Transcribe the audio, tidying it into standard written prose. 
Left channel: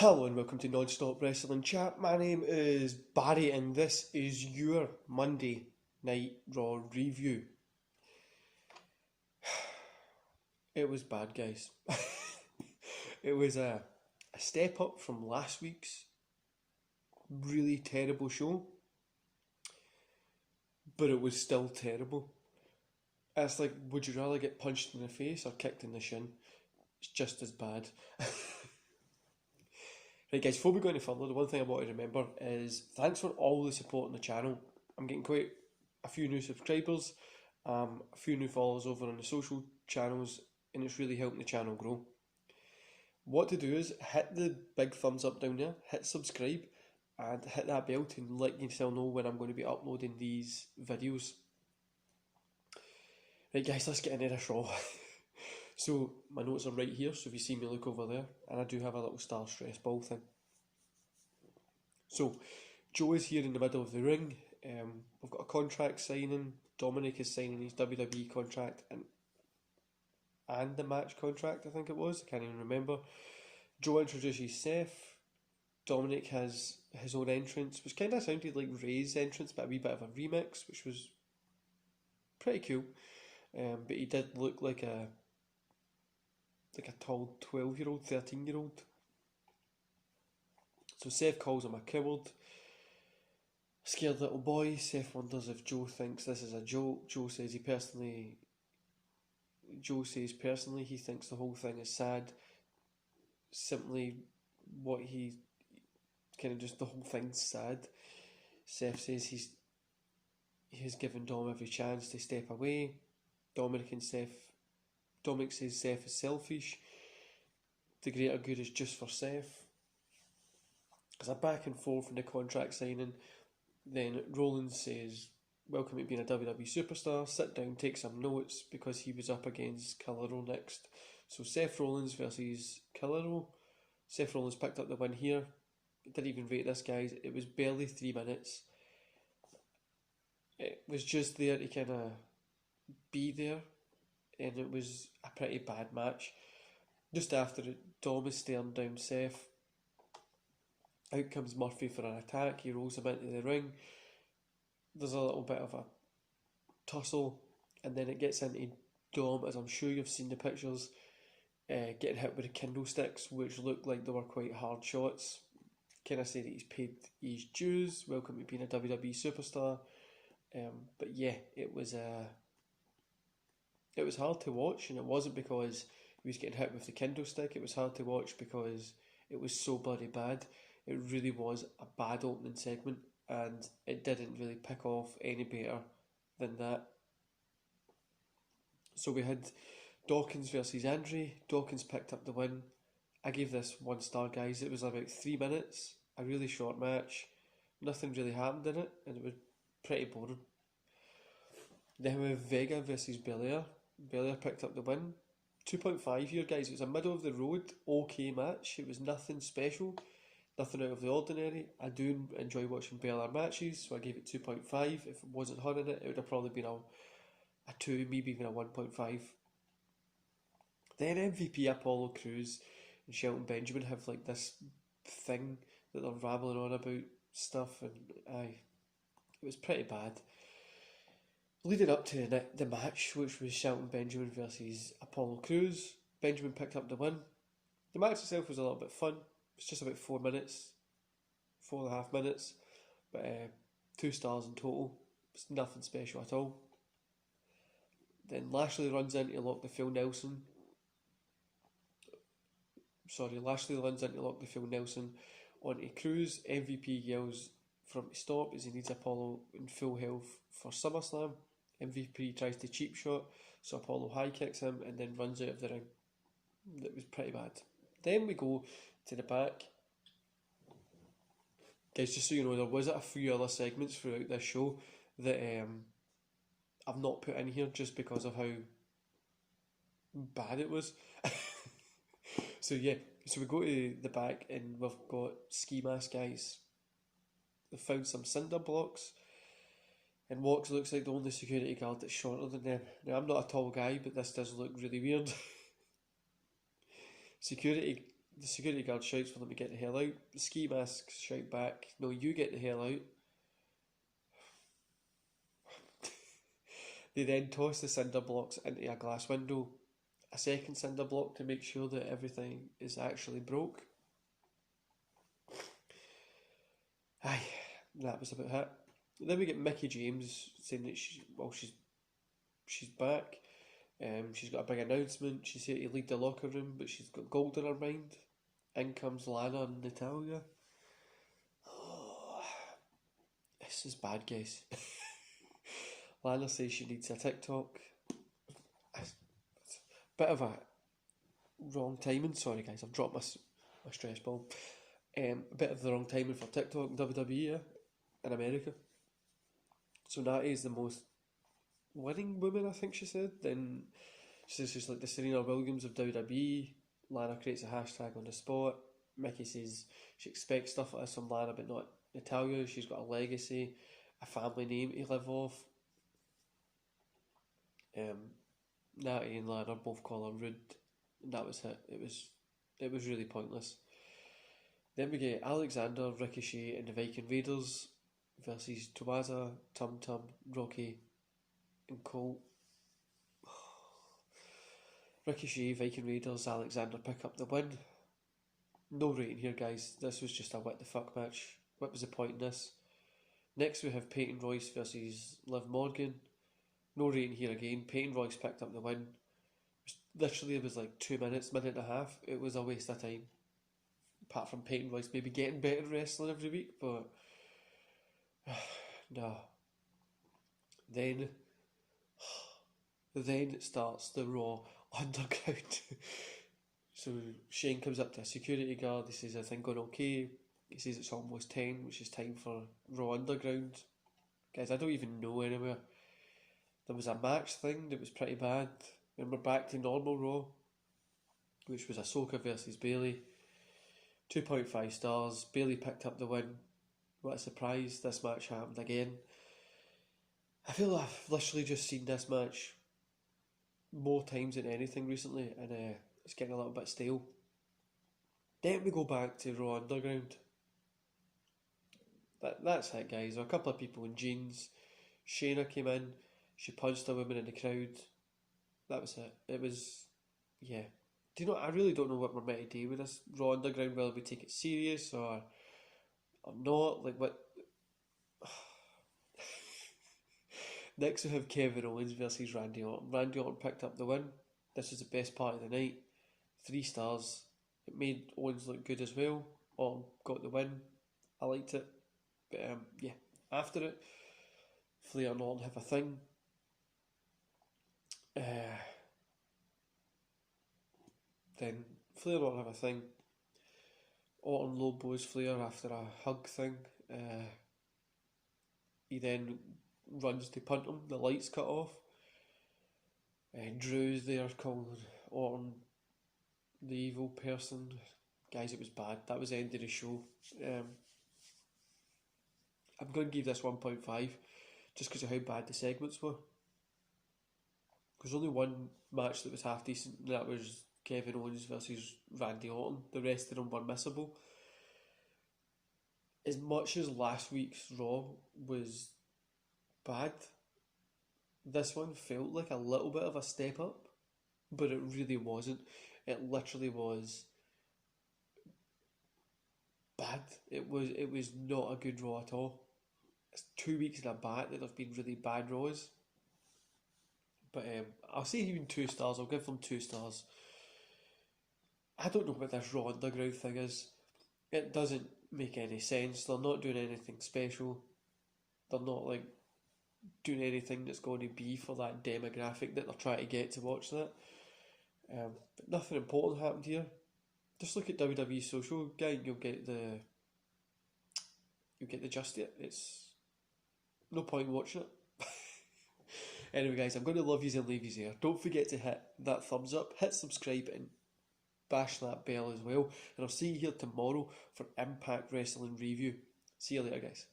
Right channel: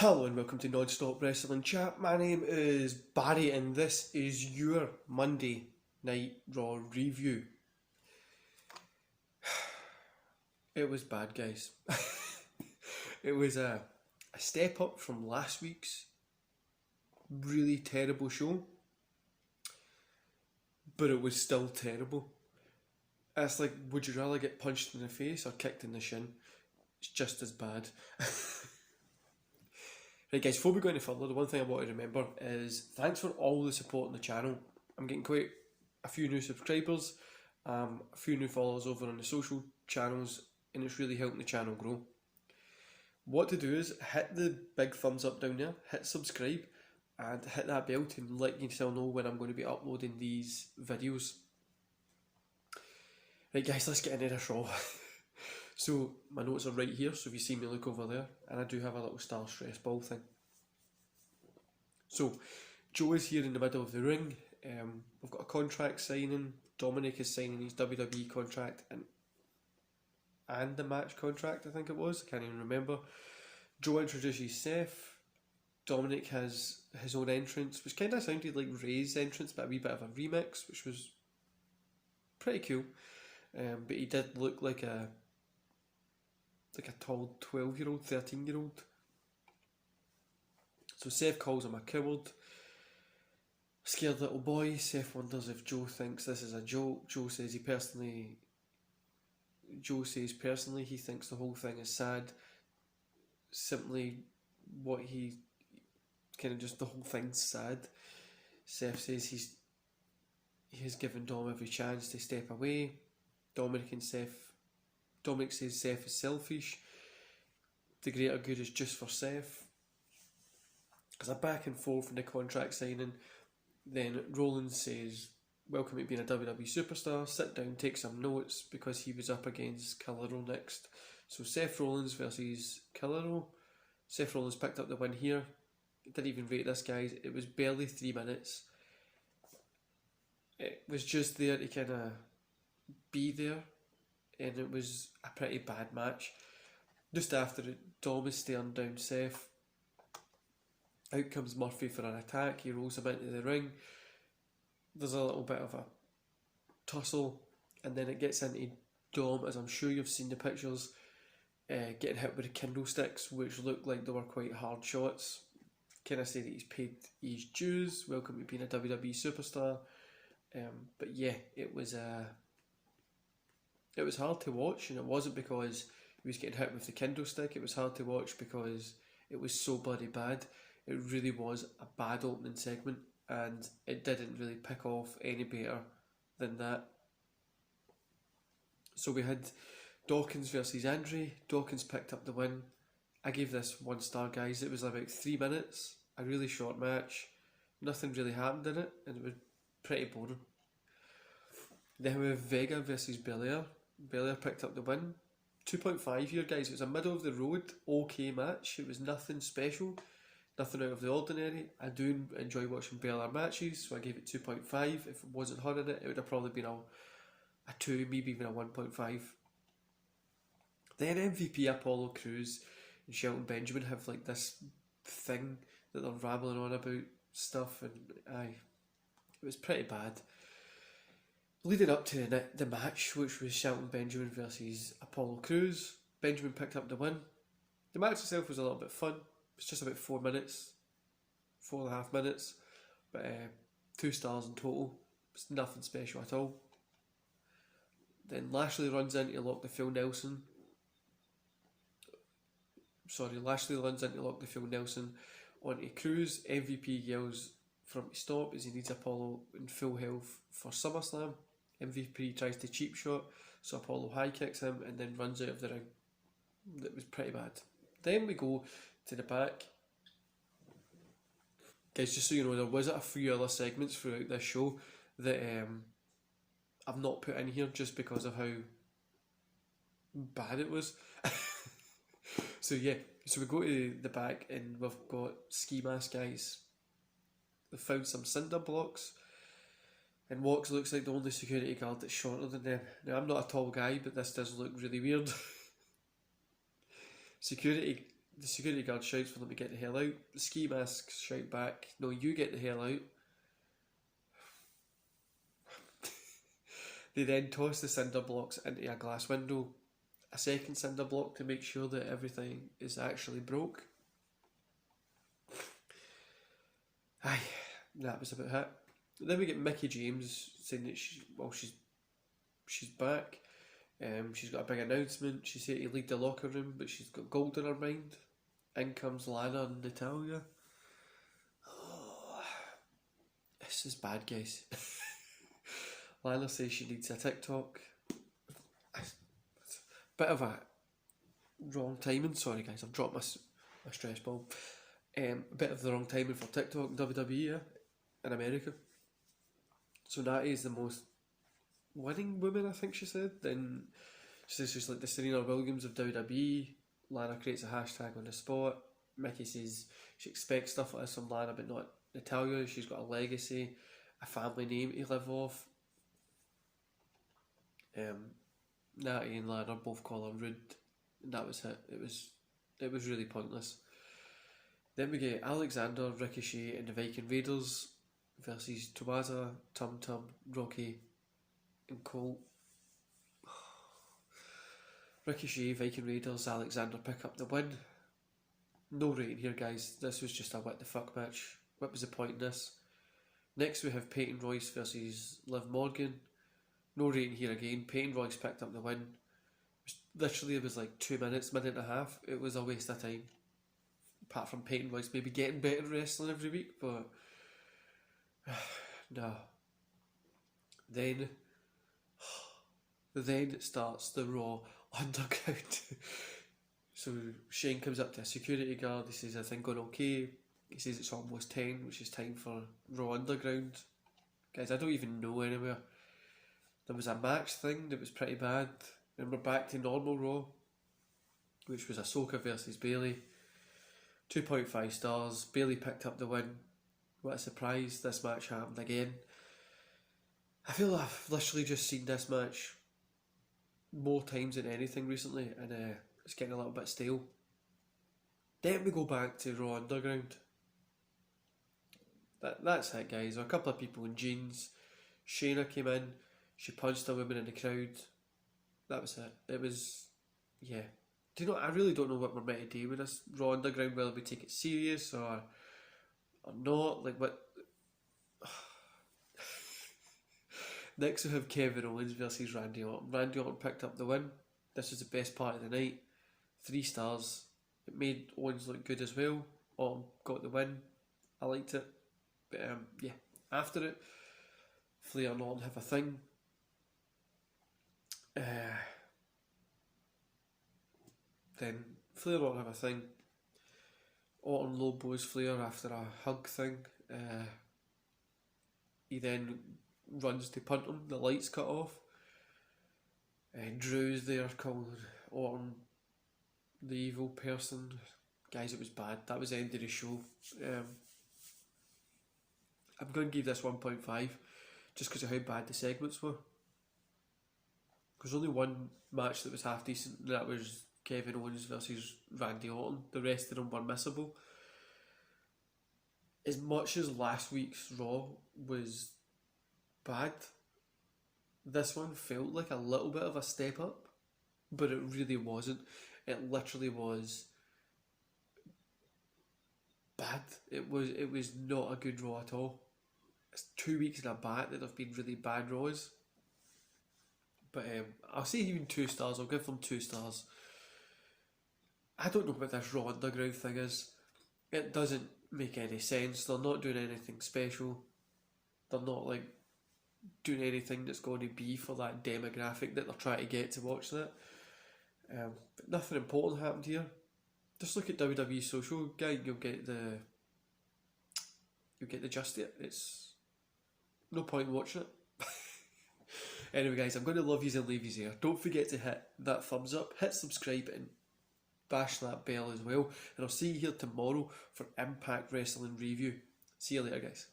Hello and welcome to Non-Stop Wrestling Chat. My name is Barry and this is your Monday Night Raw review. It was bad, guys. It was a step up from last week's really terrible show, but it was still terrible. It's like, would you rather get punched in the face or kicked in the shin? It's just as bad. Right guys, before we go any further, the one thing I want to remember is thanks for all the support on the channel. I'm getting quite a few new subscribers, a few new followers over on the social channels, and it's really helping the channel grow. What to do is hit the big thumbs up down there, hit subscribe, and hit that bell to let yourself know when I'm going to be uploading these videos. Right guys, let's get into this Raw. So, my notes are right here, so if you see me look over there, and I do have a little star stress ball thing. So, Joe is here in the middle of the ring. We've got a contract signing. Dominic is signing his WWE contract and the match contract, I think it was. I can't even remember. Joe introduces Seth. Dominic has his own entrance, which kind of sounded like Ray's entrance, but a wee bit of a remix, which was pretty cool. But he did look like a tall 12-year-old, 13-year-old. So Seth calls him a coward. Scared little boy. Seth wonders if Joe thinks this is a joke. Joe says personally he thinks the whole thing is sad. Simply what he kind of just the whole thing's sad. Seth says he has given Dom every chance to step away. Dominic says Seth is selfish. The greater good is just for Seth. There's a back and forth in the contract signing. Then Rollins says, welcome to being a WWE superstar. Sit down, take some notes, because he was up against Calero next. So Seth Rollins versus Calero. Seth Rollins picked up the win here. Didn't even rate this, guys. It was barely 3 minutes. It was just there to kind of be there. And it was a pretty bad match. Just after it, Dom is staring down Seth. Out comes Murphy for an attack. He rolls him into the ring. There's a little bit of a tussle, and then it gets into Dom, as I'm sure you've seen the pictures, getting hit with the kendo sticks, which looked like they were quite hard shots. Kind of say that he's paid his dues. Welcome to being a WWE superstar. But yeah, it was hard to watch, and it wasn't because he was getting hit with the kendo stick. It was hard to watch because it was so bloody bad. It really was a bad opening segment, and it didn't really pick off any better than that. So we had Dawkins versus Andre. Dawkins picked up the win. I gave this 1 star, guys. It was about 3 minutes, a really short match. Nothing really happened in it, and it was pretty boring. Then we have Vega versus Belair. Belair picked up the win. 2.5 here, guys. It was a middle of the road, okay match. It was nothing special, nothing out of the ordinary. I do enjoy watching Belair matches, so I gave it 2.5. If it wasn't her in it, it would have probably been a 2, maybe even a 1.5. Then MVP Apollo Crews and Shelton Benjamin have like this thing that they're rambling on about stuff, and it was pretty bad. Leading up to the match, which was Shelton Benjamin versus Apollo Crews, Benjamin picked up the win. The match itself was a little bit fun. It was just about 4 minutes, 4.5 minutes, but 2 stars in total. It's nothing special at all. Then Lashley runs in to lock the Phil Nelson onto Crews. MVP yells for him to stop as he needs Apollo in full health for SummerSlam. MVP tries to cheap shot, so Apollo high kicks him and then runs out of the ring. It was pretty bad. Then we go to the back. Guys, just so you know, there was a few other segments throughout this show that I've not put in here just because of how bad it was. So yeah, so we go to the back and we've got ski mask guys. They found some cinder blocks, and Wax looks like the only security guard that's shorter than them. Now, I'm not a tall guy, but this does look really weird. Security The security guard shouts for them to get the hell out. The ski masks shout back, no, you get the hell out. They then toss the cinder blocks into a glass window, a second cinder block to make sure that everything is actually broke. Aye, that was about it. Then we get Mickie James saying that she's back. She's got a big announcement. She's here to lead the locker room, but she's got gold in her mind. In comes Lana and Natalya. Oh, this is bad, guys. Lana says she needs a TikTok. Bit of a wrong timing. Sorry, guys, I've dropped my stress ball. A bit of the wrong timing for TikTok and WWE in America. So Natty is the most winning woman, I think she said. Then she says she's like the Serena Williams of WWE. Lana creates a hashtag on the spot. Mickie says she expects stuff like this from Lana, but not Natalya. She's got a legacy, a family name to live off. Natty and Lana both call her rude, and that was it. It was really pointless. Then we get Alexander, Ricochet, and the Viking Raiders versus Tuwaza, Tum Tum, Rocky, and Colt. Ricochet, Viking Raiders, Alexander pick up the win. No rating here, guys. This was just a what the fuck match. What was the point in this? Next we have Peyton Royce versus Liv Morgan. No rating here again. Peyton Royce picked up the win. It was like 2 minutes, minute and a half. It was a waste of time. Apart from Peyton Royce maybe getting better wrestling every week, but no. Then it starts the Raw Underground. So Shane comes up to a security guard. He says, "Everything going okay?" He says it's almost 10, which is time for Raw Underground. Guys, I don't even know anywhere. There was a match thing that was pretty bad, and we're back to normal Raw, which was Ahsoka versus Bayley. 2.5 stars. Bayley picked up the win. What a surprise. This match happened again. I feel I've literally just seen this match more times than anything recently, and it's getting a little bit stale. Then we go back to Raw Underground. That's it, guys. A couple of people in jeans. Shayna came in. She punched a woman in the crowd. That was it. It was, yeah. Do you know, I really don't know what we're meant to do with this Raw Underground. Will we take it serious or not? Like, what? Next we have Kevin Owens versus Randy Orton. Randy Orton picked up the win. This was the best part of the night. 3 stars. It made Owens look good as well. Orton got the win. I liked it. But yeah, after it, Flair and Orton have a thing. Then Flair and Orton have a thing. Orton low blows Flair after a hug thing. He then runs to punt him. The lights cut off. Drew's there calling Orton the evil person. Guys, it was bad. That was the end of the show. I'm going to give this 1.5 just because of how bad the segments were. There's only one match that was half decent, and that was Kevin Owens versus Randy Orton. The rest of them were missable. As much as last week's Raw was bad, this one felt like a little bit of a step up, but it really wasn't. It literally was bad. It was not a good Raw at all. It's 2 weeks in a bat that have been really bad Raws. But I'll say even 2 stars. I'll give them 2 stars. I don't know what this Raw Underground thing is. It doesn't make any sense. They're not doing anything special. They're not like doing anything that's going to be for that demographic that they're trying to get to watch that. But nothing important happened here. Just look at WWE social guide. You'll get the gist of it. It's no point watching it. Anyway, guys, I'm going to love yous and leave yous here. Don't forget to hit that thumbs up, hit subscribe, and bash that bell as well. And I'll see you here tomorrow for Impact Wrestling Review. See you later, guys.